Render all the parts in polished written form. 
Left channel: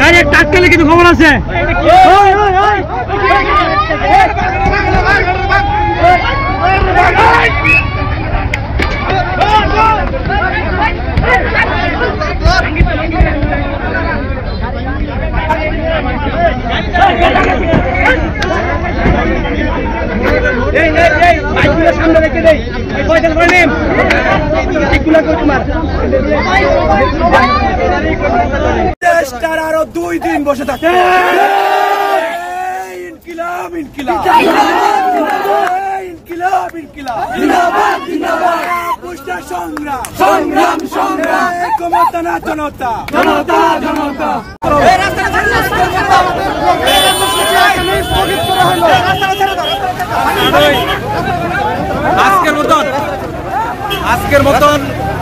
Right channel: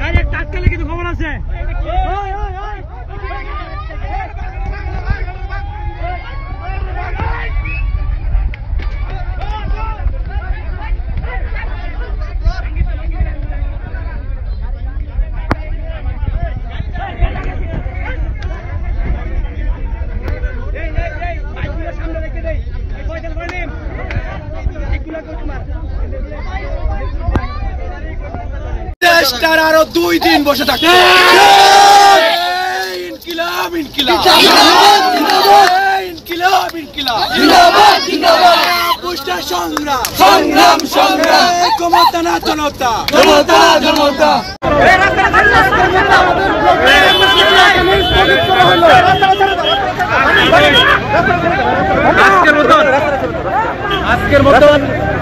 গাড়ি টাটকালে কিন্তু খবর আছে। দেশটার আরো 2 দিন বসে থাকে। ইনকিলাব ইনকিলাব ইনকিলাব ইনকিলাব জিন্দাবাদ জিন্দাবাদ। পুষ্টা সংগ্রাম সংগ্রাম সংগ্রাম। ক্ষমতা না জনতা জনতা জনতা। আজকের মতন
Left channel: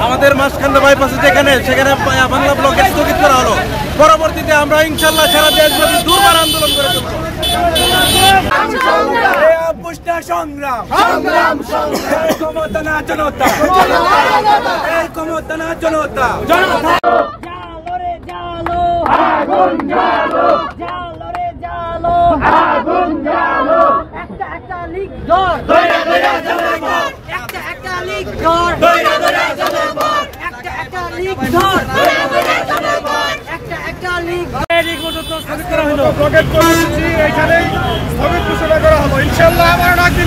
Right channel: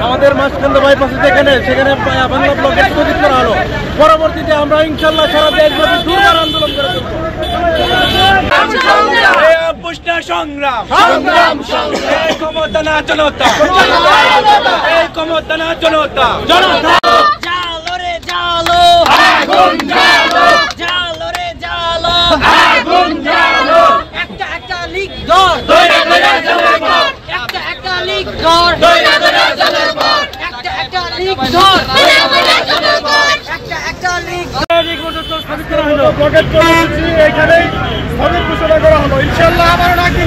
আমাদের মাঝখান্ড বাইপাসে যেখানে সেখানে বাংলা ব্লকে স্থগিত করা হলো। পরবর্তীতে আমরা ইনশাল্লাহ সারা দেশব্যাপী দুর্বার আন্দোলন করে চলব। পুষ্টা সংগ্রাম সংগ্রাম সংগ্রাম। ক্ষমতা না জনতা এই ক্ষমতা না জনতা। জালো রে জালো আগুন জালো জালো রে জালো আগুন জালো। একটা একটা লিক ধর দইরা দইরা জ্বালে পড়। একটা একটা লিক ধর দইরা দইরা জ্বালে পড়। একটা একটা লিক ধর দইরা দইরা জ্বালে পড়। একটা একটা লিক ব্লকেট কর্মসূচি এখানেই স্থগিত ঘোষণা করা হলো। ইনশাল্লাহ আমার নাকি